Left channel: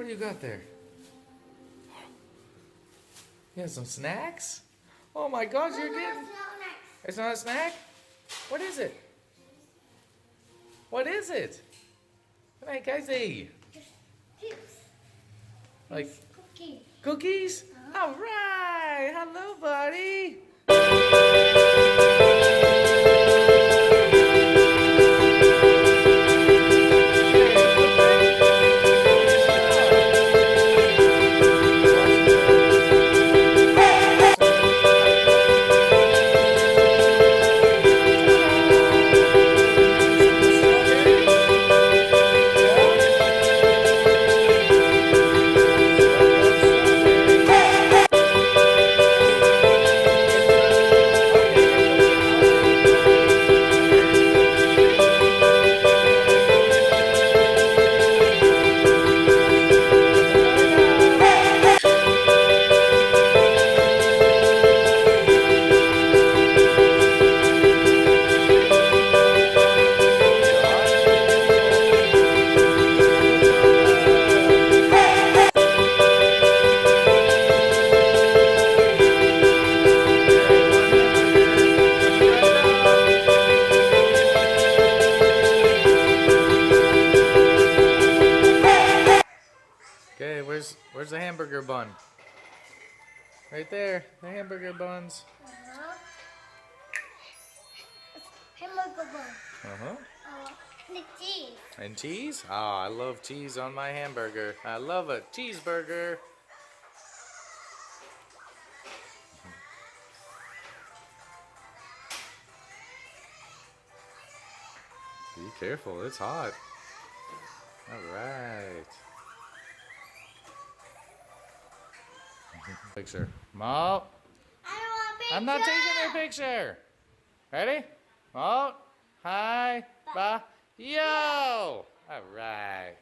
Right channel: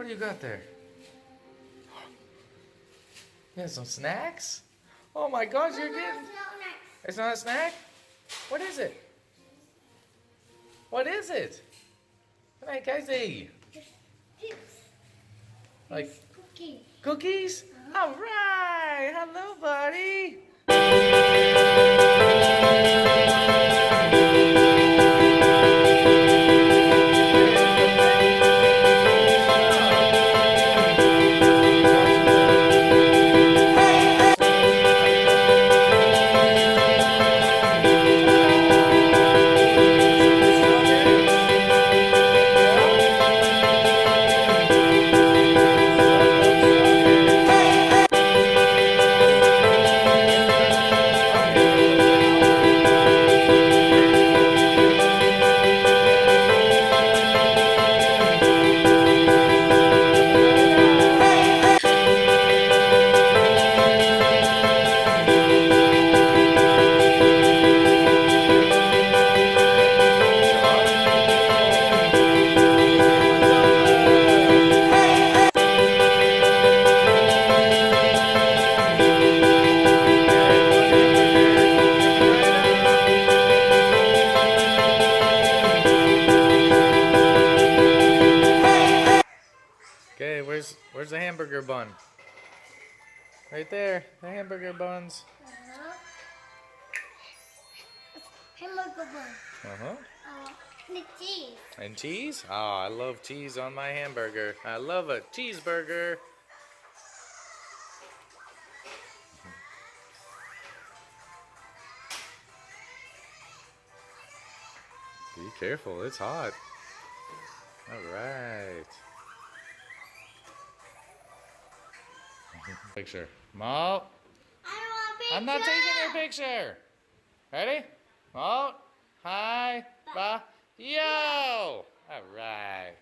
What do you got there? You have some snacks? Oh my gosh, you're getting... It's not a snack? What is it? What is it? What are guys eat? Like Cookies. Cookies? All right. Hello, buddy. Okay, where's the hamburger bun? Right there, the hamburger buns. Hamburger bun. Uh-huh. The cheese. And cheese? Oh, I love cheese on my hamburger. I love a cheeseburger. Be careful, it's hot. All right. Picture. Mo, I want a picture. I'm not taking a picture. Ready? Mo, hi, ba, yo. All right.